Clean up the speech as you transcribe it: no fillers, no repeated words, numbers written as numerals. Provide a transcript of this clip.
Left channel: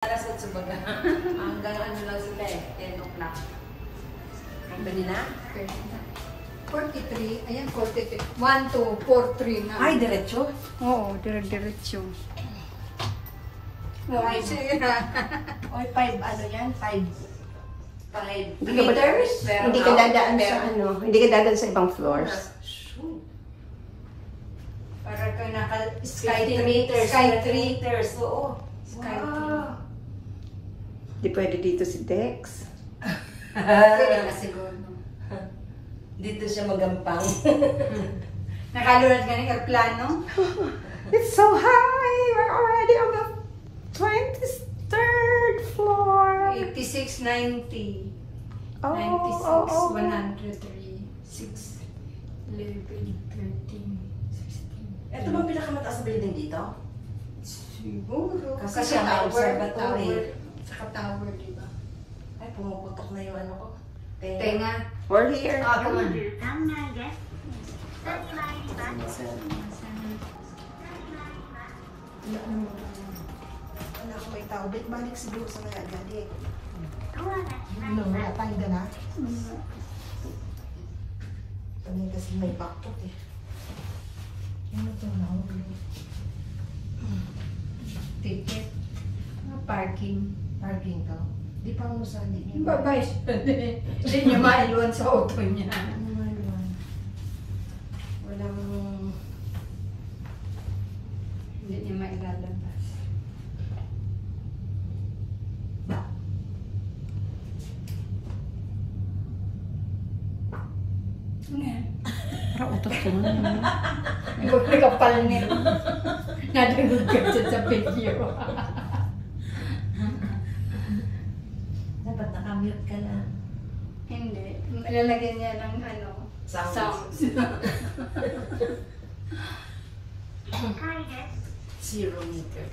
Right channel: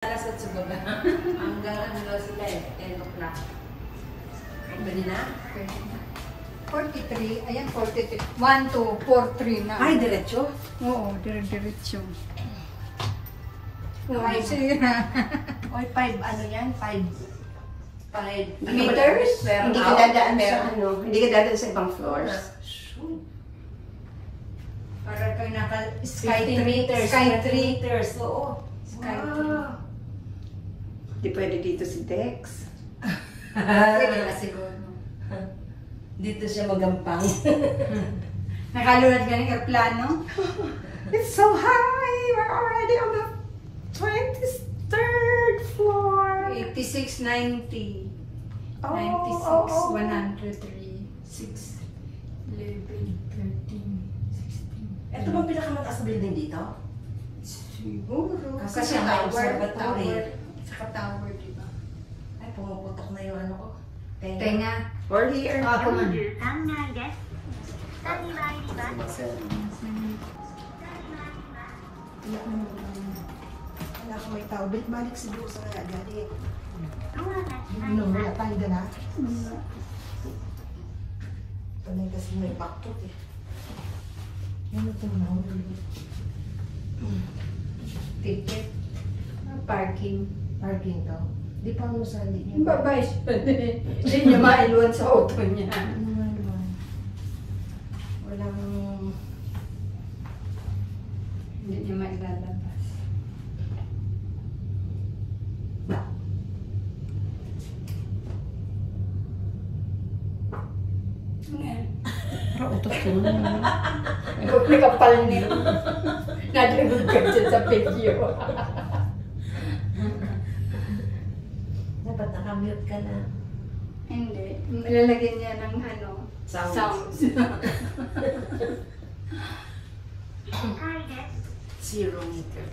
Alas 8 ba? Hanggang ano lang sila eh, 10 o'clock. Pwede na? 43, ayan 43. 1, 2, 4, 3 na. Ay, diretso? Oo, diretso. Ay, sige na. Oy, 5, ano yan? 5 Hindi ka dadaan sa hindi ka dadaan sa ibang floors. Para ka naka-sky 15 meters. Sky 20 3. meters. Oo. Sky Hindi pwede dito si Dex. Pwede na siguro. Dito siya magampang. Nakalunod ka ng aeroplano? It's so high! We're already on the 23rd floor. 86, 90. 96, 103, 6, 11, 13, 16. Ito bang pinakamataas na building dito? Siguro. Kasi ang observatory. Sa tower, diba? Ay, pumuputok na yung ano ko. Tenga. We're here. Come on. Anak, may tao. Balik siguro sa kaya galit. Ano, wala tayong gana? Kami kasi may backpot eh. Ano ito na? Ticket. Parking. Parking to. Di pa mo sa linya. Babay siya. Hindi niya mailuan sa auto niya. Walang... Hindi niya mailalabas. Ano yan? Utos ko na naman. Kapal niya. Nadinig ka dyan sa video. Dapat nakamute ka na. Hindi. Ilalagyan niya ng ano, sounds. 0 meter.